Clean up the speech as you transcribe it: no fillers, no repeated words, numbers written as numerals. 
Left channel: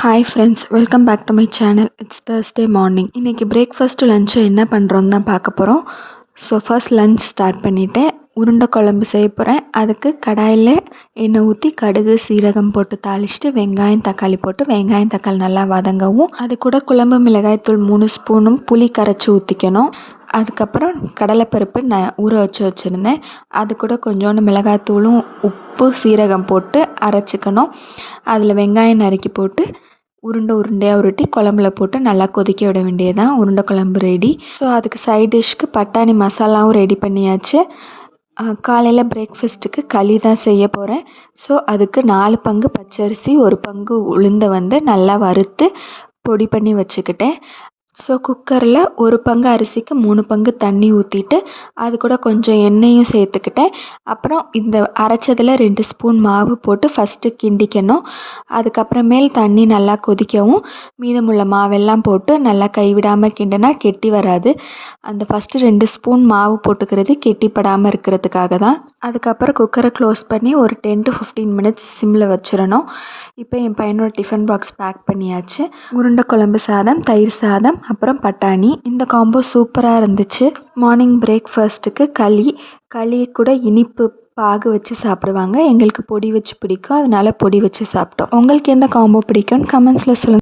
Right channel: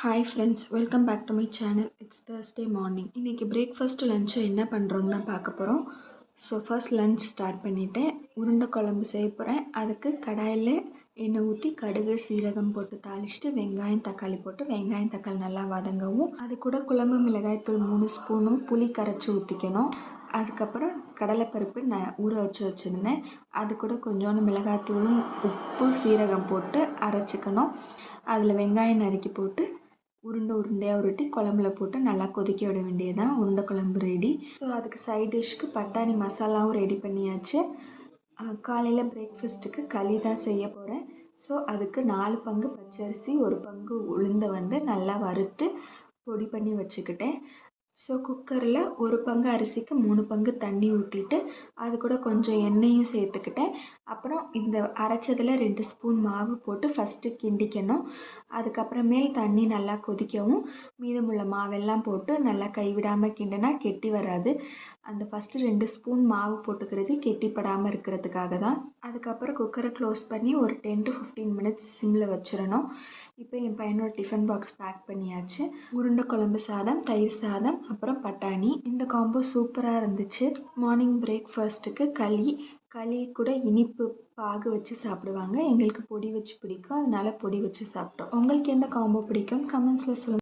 Hi friends, welcome back to my channel. It's Thursday morning. இன்றைக்கி breakfast lunch என்ன பண்ணுறோன்னு தான் பார்க்க போகிறோம். ஸோ ஃபர்ஸ்ட் லஞ்ச் ஸ்டார்ட் பண்ணிவிட்டேன். உருண்டை குழம்பு செய்ய போகிறேன். அதுக்கு கடாயில் எண்ணெய் ஊற்றி கடுகு சீரகம் போட்டு தாளிச்சிட்டு வெங்காயம் தக்காளி போட்டு வெங்காயம் தக்காளி நல்லா வதங்கவும் அது கூட குழம்பு மிளகாய்த்தூள் 3 ஸ்பூனும் புளி கரைச்சி ஊற்றிக்கணும். அதுக்கப்புறம் கடலைப்பருப்பு நான் ஊற வச்சுருந்தேன். அது கூட கொஞ்சோண்டு மிளகாய்த்தூளும் உப்பு சீரகம் போட்டு அரைச்சிக்கணும். அதில் வெங்காயம் நறுக்கி போட்டு உருண்டையாக உருட்டி குழம்புல போட்டு நல்லா கொதிக்க விட வேண்டியதுதான். உருண்டை குழம்பு ரெடி. ஸோ அதுக்கு சைட் டிஷ்க்கு பட்டாணி மசாலாவும் ரெடி பண்ணியாச்சு. காலையில் பிரேக்ஃபாஸ்ட்டுக்கு களி தான் செய்ய போகிறேன். ஸோ அதுக்கு 4 பங்கு பச்சரிசி 1 பங்கு உளுந்தை நல்லா வறுத்து பொடி பண்ணி வச்சுக்கிட்டேன். ஸோ குக்கரில் 1 பங்கு அரிசிக்கு 3 பங்கு தண்ணி ஊற்றிட்டு அது கூட கொஞ்சம் எண்ணெயும் சேர்த்துக்கிட்டேன். அப்புறம் இந்த அரைச்சதில் 2 ஸ்பூன் மாவு போட்டு ஃபஸ்ட்டு கிண்டிக்கணும். அதுக்கப்புறமேல் தண்ணி நல்லா கொதிக்கவும் மீதமுள்ள மாவெல்லாம் போட்டு நல்லா கைவிடாமல் கிண்டினா கெட்டி வராது. அந்த ஃபஸ்ட்டு 2 ஸ்பூன் மாவு போட்டுக்கிறது கெட்டிப்படாமல் இருக்கிறதுக்காக தான். அதுக்கப்புறம் குக்கரை க்ளோஸ் பண்ணி ஒரு 10 to 15 மினிட்ஸ் சிம்மில் வச்சிடணும். இப்போ என் பையனோட டிஃபன் பாக்ஸ் பேக் பண்ணியாச்சு. உருண்டை குழம்பு சாதம், தயிர் சாதம், அப்புறம் பட்டாணி. இந்த காம்போ சூப்பராக இருந்துச்சு. மார்னிங் பிரேக்ஃபாஸ்ட்டுக்கு களி கூட இனிப்பு பாகு வச்சு சாப்பிடுவாங்க. எங்களுக்கு பொடி வச்சு பிடிக்கும், அதனால பொடி வச்சு சாப்பிட்டோம். உங்களுக்கு எந்த காம்போ பிடிக்கும்னு கமெண்ட்ஸில் சொல்லுங்கள்.